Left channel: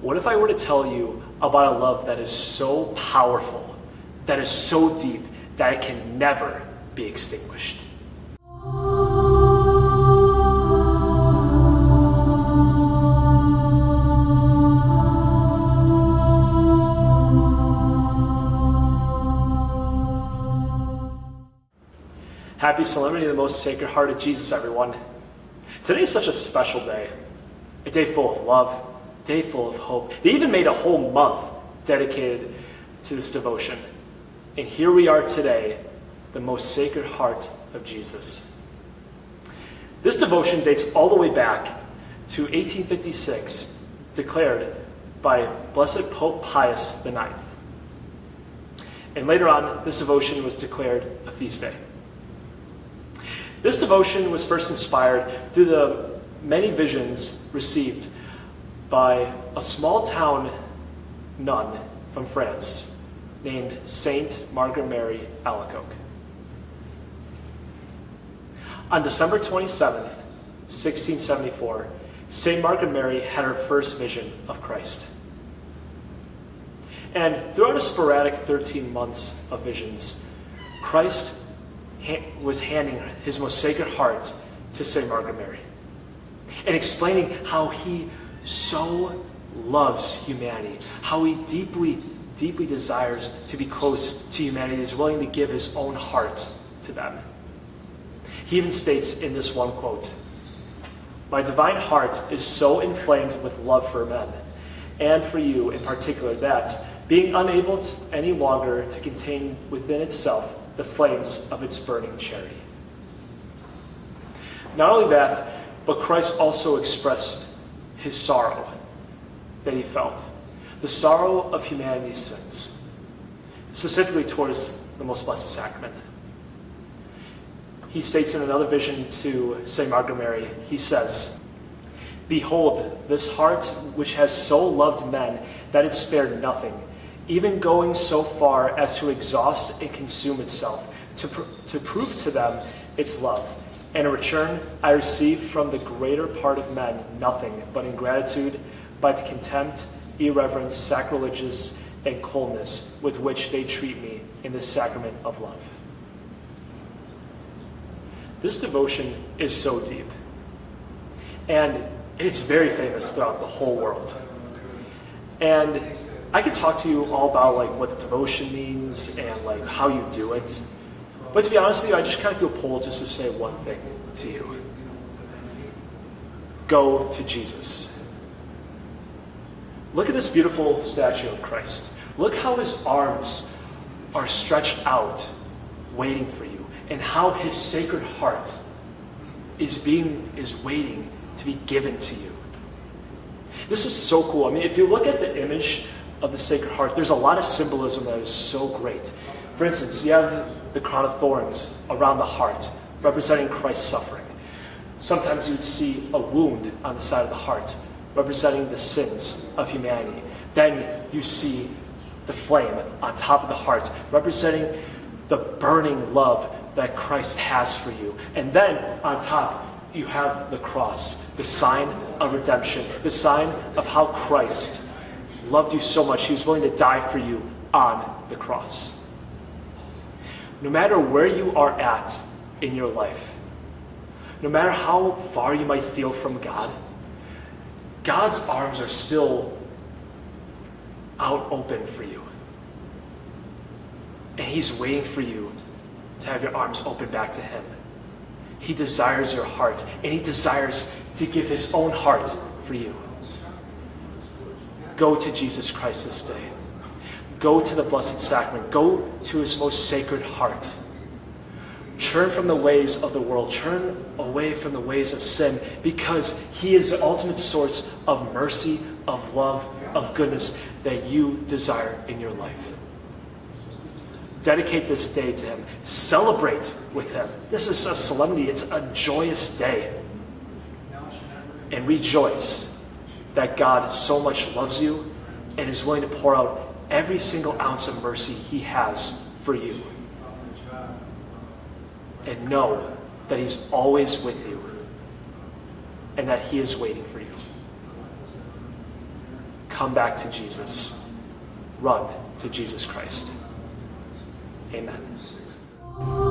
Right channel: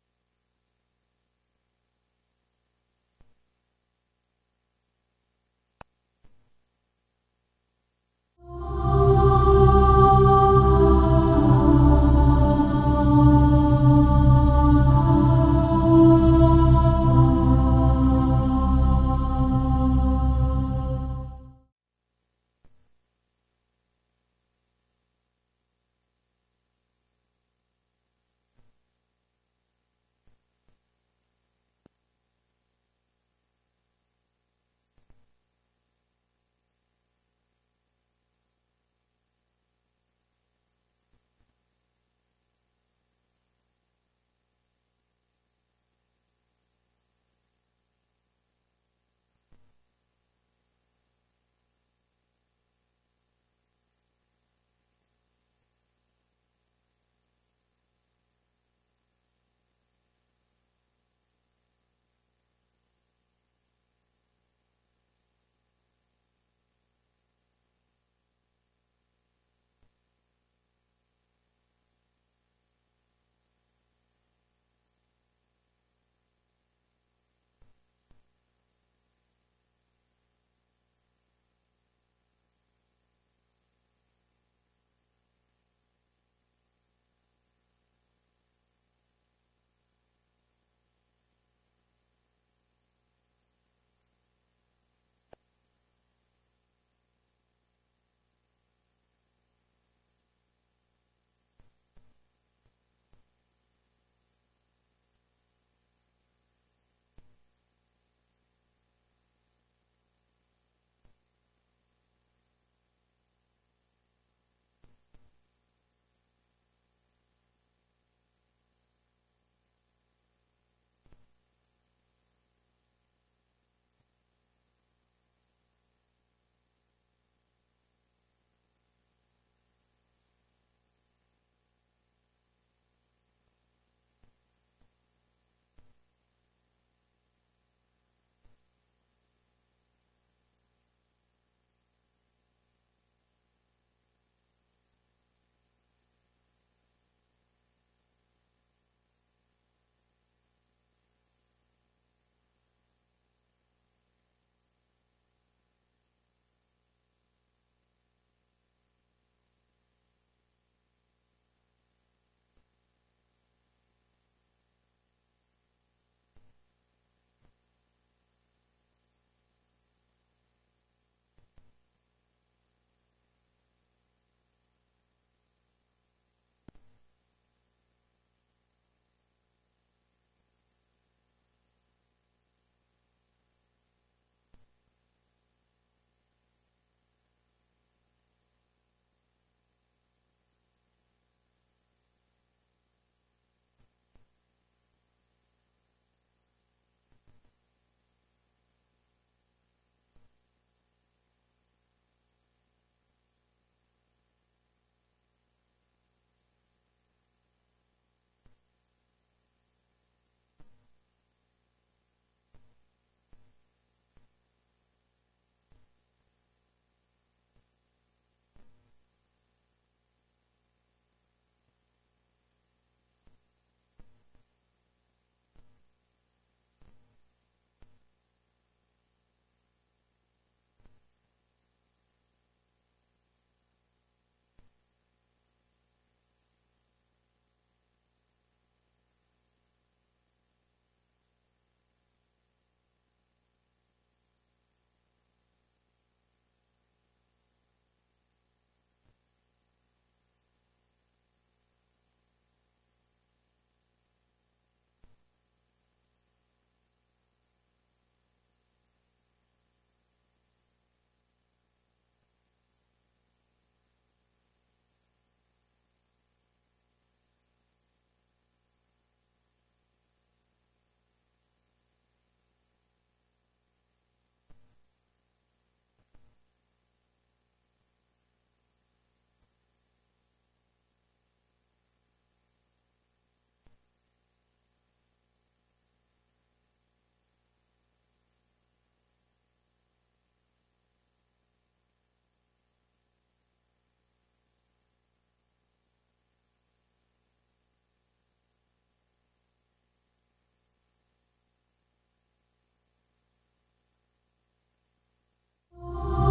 What if I were to tell you about a love that is so powerful, that is so deep, that it can never be extinguished? Happy Solemnity of the Most Sacred Heart of Jesus, everyone. Today is such a special day. A day full of love, a day full of hope. They even made a whole month dedicated to this devotion. And here we are today, the Most Sacred Heart of Jesus. This devotion dates all the way back to 1856, declared by Blessed Pope Pius IX. And later on, this devotion was declared a feast day. This devotion was first inspired through the many visions received by a small town nun from France named Saint Margaret Mary Alacoque. On December 27th, 1674, Saint Margaret Mary had her first vision of Christ. And throughout a sporadic 13 months of visions, Christ was handing his most sacred heart to St. Margaret Mary and explaining how he so loves humanity, how he deeply, deeply desires to be close to humanity, is willing to give his own heart to them. He even states in this one quote, "My divine heart is so inflamed with love for men, and for you in particular, that, being unable any longer to contain within itself the flames of its burning charity." Not only that, but Christ also expressed his sorrow that he felt, the sorrow of humanity's sins, specifically towards the Most Blessed Sacrament. He states in another vision to St. Margaret Mary, he says, "Behold, this heart which has so loved men that it spared nothing, even going so far as to exhaust and consume itself, to prove to them its love. And in return, I receive from the greater part of men nothing but ingratitude by the contempt, irreverence, sacrilegious, and coldness with which they treat me in the sacrament of love." This devotion is so deep, and it's very famous throughout the whole world. And I could talk to you all about what the devotion means and how you do it. But to be honest with you, I just kind of feel pulled just to say one thing to you. Go to Jesus. Look at this beautiful statue of Christ. Look how his arms are stretched out, waiting for you, and how his sacred heart is waiting to be given to you. This is so cool. I mean, if you look at the image of the Sacred Heart, there's a lot of symbolism that is so great. For instance, you have the crown of thorns around the heart, representing Christ's suffering. Sometimes you would see a wound on the side of the heart, representing the sins of humanity. Then you see the flame on top of the heart, representing the burning love that Christ has for you. And then on top, you have the cross, the sign of redemption, the sign of how Christ loved you so much, he was willing to die for you on the cross. No matter where you are at in your life, no matter how far you might feel from God, God's arms are still out open for you. And he's waiting for you to have your arms open back to him. He desires your heart, and he desires to give his own heart for you. Go to Jesus Christ this day. Go to the Blessed Sacrament. Go to his most sacred heart. Turn from the ways of the world. Turn away from the ways of sin, because he is the ultimate source of mercy, of love, of goodness that you desire in your life. Dedicate this day to him. Celebrate with him. This is a solemnity. It's a joyous day. And rejoice that God so much loves you and is willing to pour out every single ounce of mercy he has for you. And know that he's always with you and that he is waiting for you. come back to Jesus. Run to Jesus Christ. Amen.